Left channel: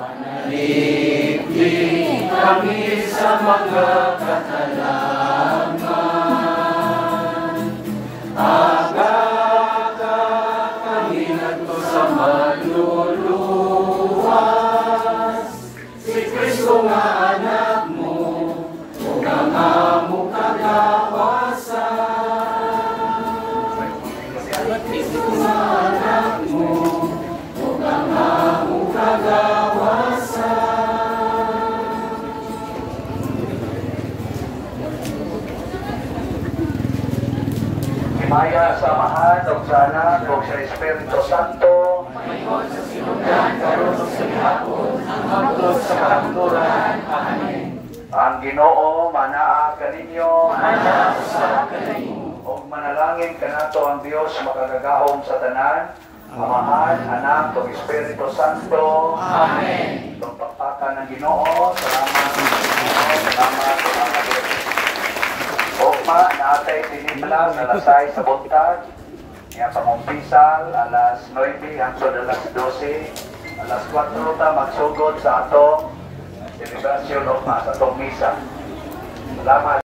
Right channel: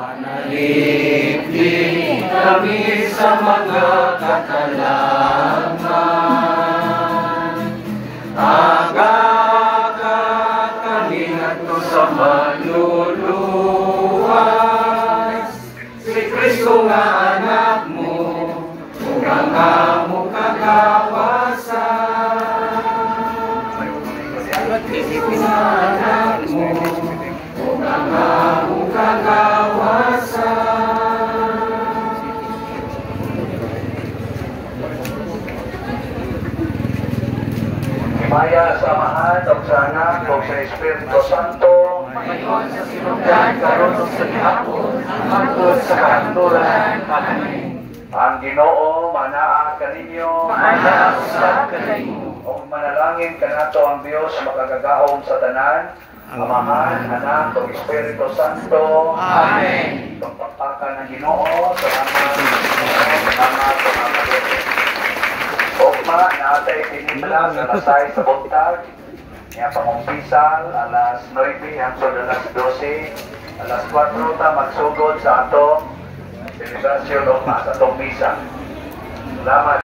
Manalangin kami sa mga katalaman. Aga ka kalingato sa maluluwas. Si Kristo nga anak mo, mukha nga mukha kawasan. Si Kristo nga anak mo, mukha nga mukha kawasan. Maya sa Amahan, o sa Anak, o sa Espiritu Santo, Panginoon sa sinugdan, karon sa gihapon, ang hangtod sa kahanturan. Amen. ang Ginoo manaa kaninyo, Maana usa kanimo. o manalangin kanato ang Dios makagagahom sa tanan, Amahan, Anak, o Espiritu Santo. Amen. Itong pakpakan ng Ginoo, salamat, salamat. Okma, natay tinimla sa lasay sa buntag, niya pangumpisal, alas 9 hangtod alas 12, alas 4 ta magsugod sa atong selebrasyon o sa atong misa. Salamat.